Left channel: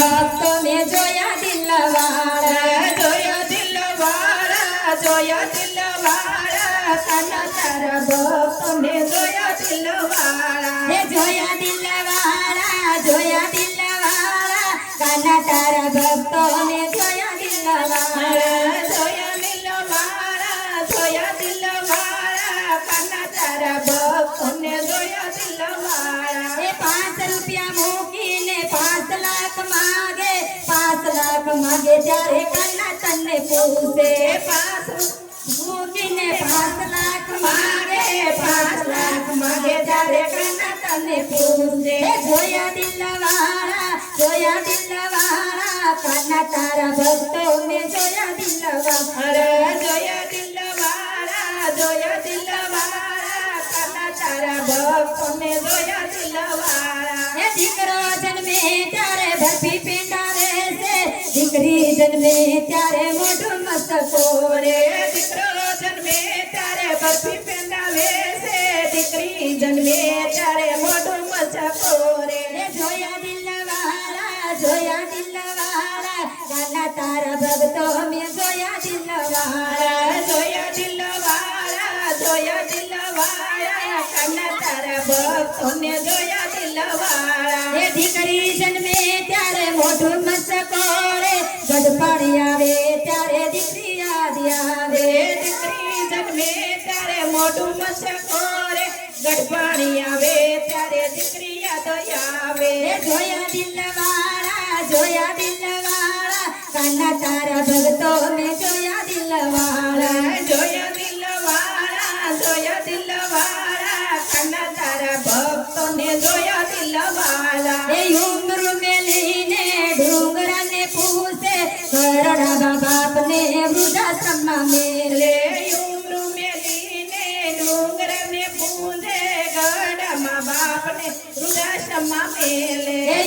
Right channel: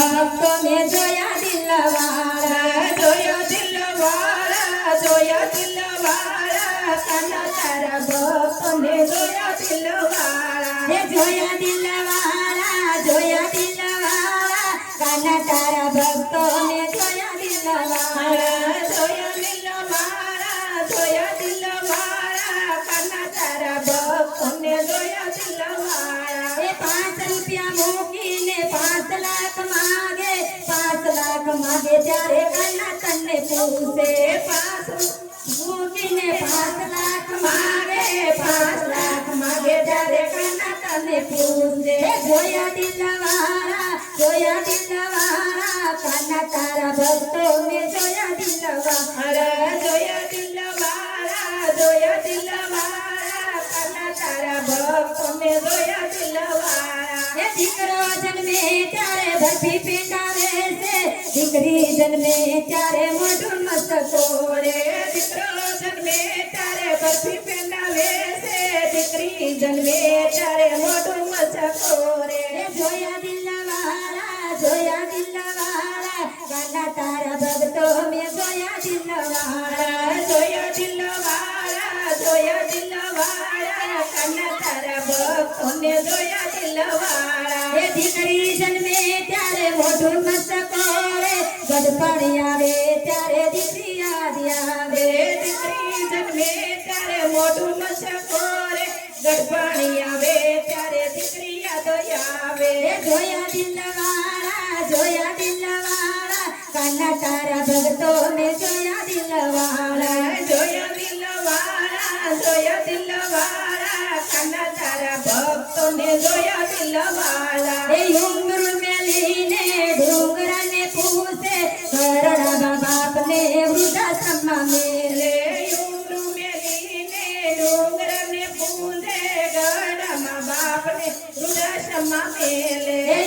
ભક્તો ને જોયા દિલવાળા જોયા દિલવાળા કાના તારા ભક્તો ને જોયા દિલવાળા હે જોયા દિલવાળા કાના તારા ભક્તો ને જોયા દિલવાળા જોયા દિલવાળા કાના તારા ભક્તો ને જોયા દિલવાળા એ 5 રૂપિયા મૂકીને 5 લાખ માગે 5 લાખ માગે ત્યારે કાના તને પૂછે 5 મૂકીને 5 લાખ માગે 5 લાખ માગે ત્યારે કાના તને પૂછે જોયા દિલવાળા કાના તારા ભક્તો ને જોયા દિલવાળા જોયા દિલવાળા કાના તારા ભક્તો ને જોયા દિલવાળા એ દીકરો જન્મે ત્યારે બરફી પેટારે છે દીકરી જન્મે ત્યારે મોઢું મસ્તકો રે દીકરો જન્મે ત્યારે બરફી પેંડાવે છે દીકરી જન્મે ત્યારે મોઢું મચકો રે જોયા દિલવાળા કાના તારા ભક્તો મેં જોયા દિલવાળા જોયા દિલવાળા કાના તારા ભક્તો ને જોયા દિલવાળા એ દીકરી જન્મે ત્યારે મોઢું મસ્તકો રે ગડપડી આવે ત્યારે દીકરી યાદ આવે દીકરી જન્મે ત્યારે મોઢું મચકો રે ગડપાણી આવે ત્યારે દીકરી યાદ આવે જોયા દિલવાળા કાના તારા ભક્તો મેં જોયા દિલવાળા જોયા દિલવાળા કાના તારા ભક્તો ને જોયા દિલવાળા એ ઉમર મેલીને ડુંગરાને પૂછે ઘરડા બાપને વૃદ્ધાશ્રમમાં મેલે ઉમર મેલીને ડુંગરને પૂંજે ગડામાં બાપને વૃદ્ધાશ્રમમાં મેલે